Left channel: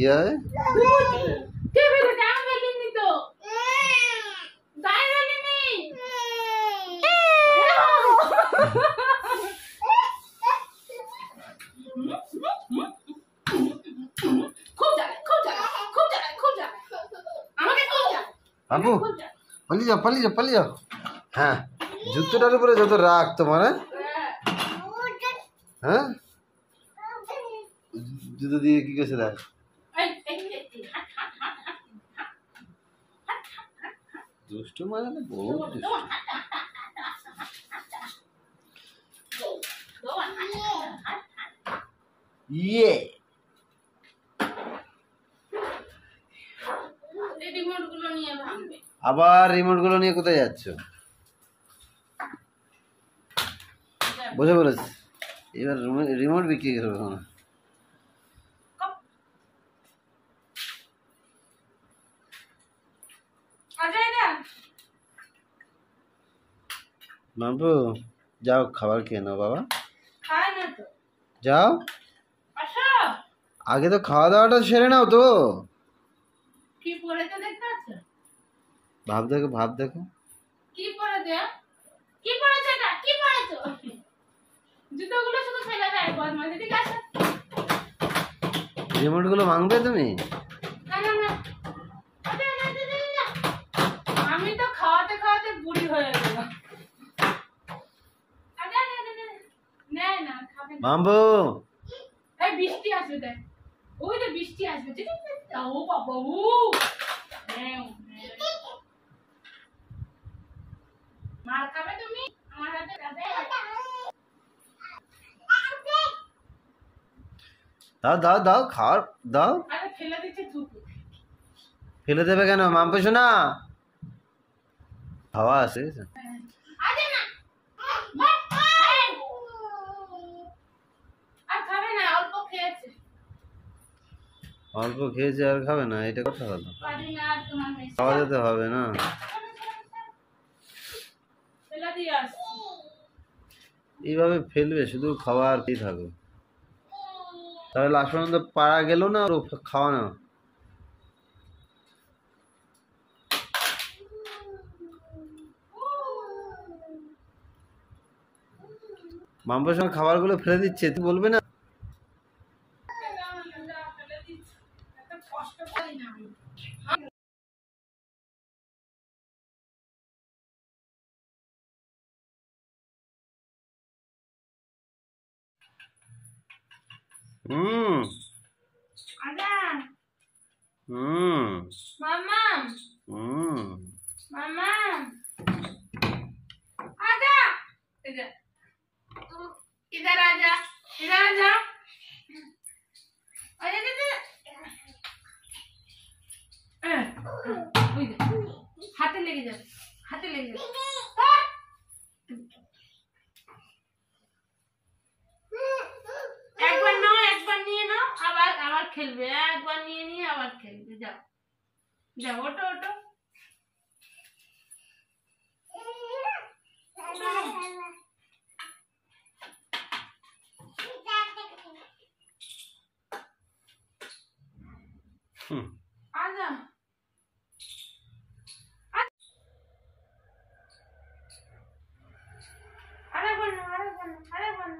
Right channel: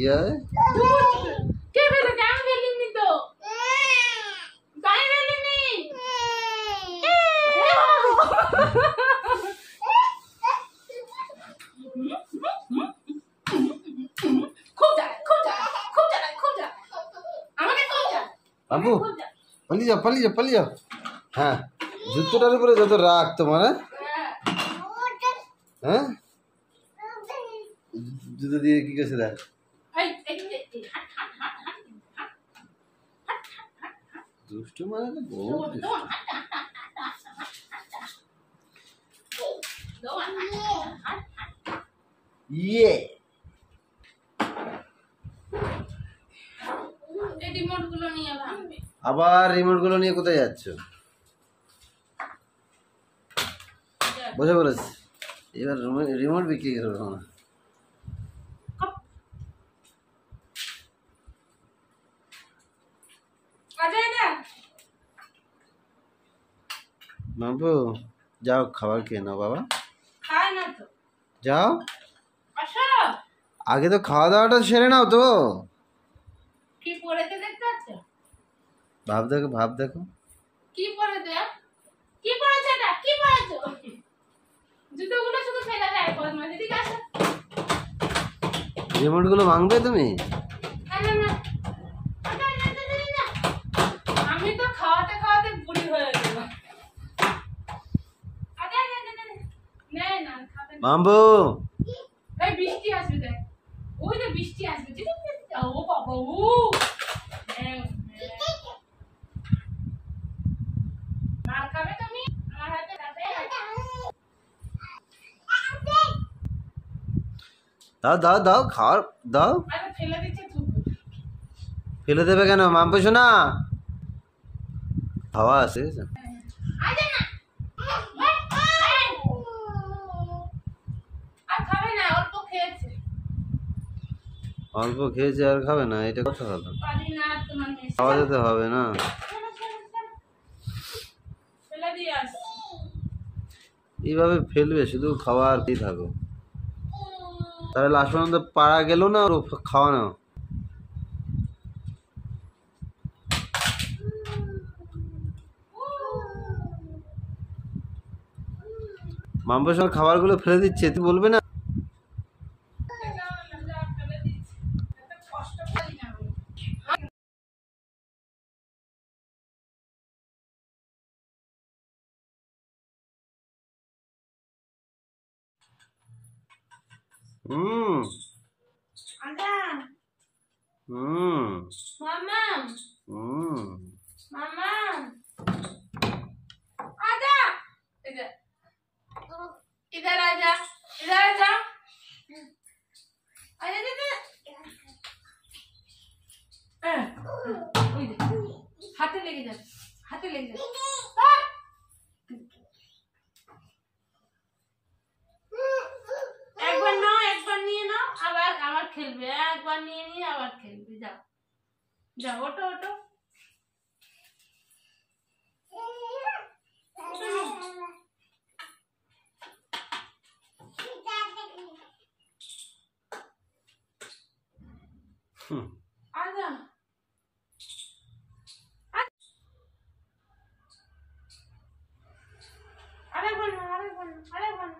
কি হয়? কে বেটা কেন বলিনি তো? গায়ে বলিনি। খুব জ্বালা, খুব জ্বালা, খুব জ্বালা, খুব জ্বালা। আমাকে খুব জ্বালা। বাবু পালিয়ে যাও। হ্যাঁ, জুতোটার উপরে যত রাগ তোমার। হ্যাঁ, জুতো দিয়ে কি করছে দেখ। দুষ্টু মানে তো বহুত দুষ্টু। ইয়ে আবার রিমোট গুলো নিয়ে কোথায় যাচ্ছ? বুঝে বলেছি, এবার রিমোট বিক্রি করবে না। বাবু যাও খাবার খেয়ে নাও বাবা। যাও, আগে তো খাওয়া দাওয়াটা সেরে নাও তো। কি পড়েছে দেখতে পাচ্ছ? ভাব দেখো কি পড়েছে? কি পড়েছে এটা? কি পড়েছো? জুতোগুলো শুধু ফেলে দেয় বদমাইশ। ঠিক আছে, রিমোট গুলো ভাঙবে তুমি? না। আমি তো খাওয়াতে খাওয়াতে বুড়ি হয়ে গেলাম। না খাবে না। বাবু এই বৃষ্টি আসবে দেখ। ওই যে বৃষ্টি আসবে। ও বাবা ও। মার খাবে তুমি? আমার হাতে খাবে? দাও খাওয়ার দাও। আরে ফেলে দিচ্ছে থুতু। ফেলে দেবে কেন মাম্পু শোনা? হাওয়া আছে। আরে না, আর খাবে না, অল্প খেয়েছে। অল্প খেয়েছে আর খাবে না, এটা কথা হলো? পারি না তোমার মেয়ে। খাওয়া যেতে হবে না। ফেলে দিয়ে আস। এইভাবে ফেলবে শুধু খাওয়া আর কি থাকো, তাহলে লাস্ট পর্যন্ত পারা গেল না আর খাওয়ানো। মাম্পুর সঙ্গে খাবারগুলো ফেলে দিচ্ছে, তুই বলবে না? मामा मामा आजा इधर इधर आजा इधर आजा हाथे लेके जा একবার নিয়ে নাও আবার খেলবে একবার নিয়ে আবার খেলবে যাও ওটো आजा अरे बनो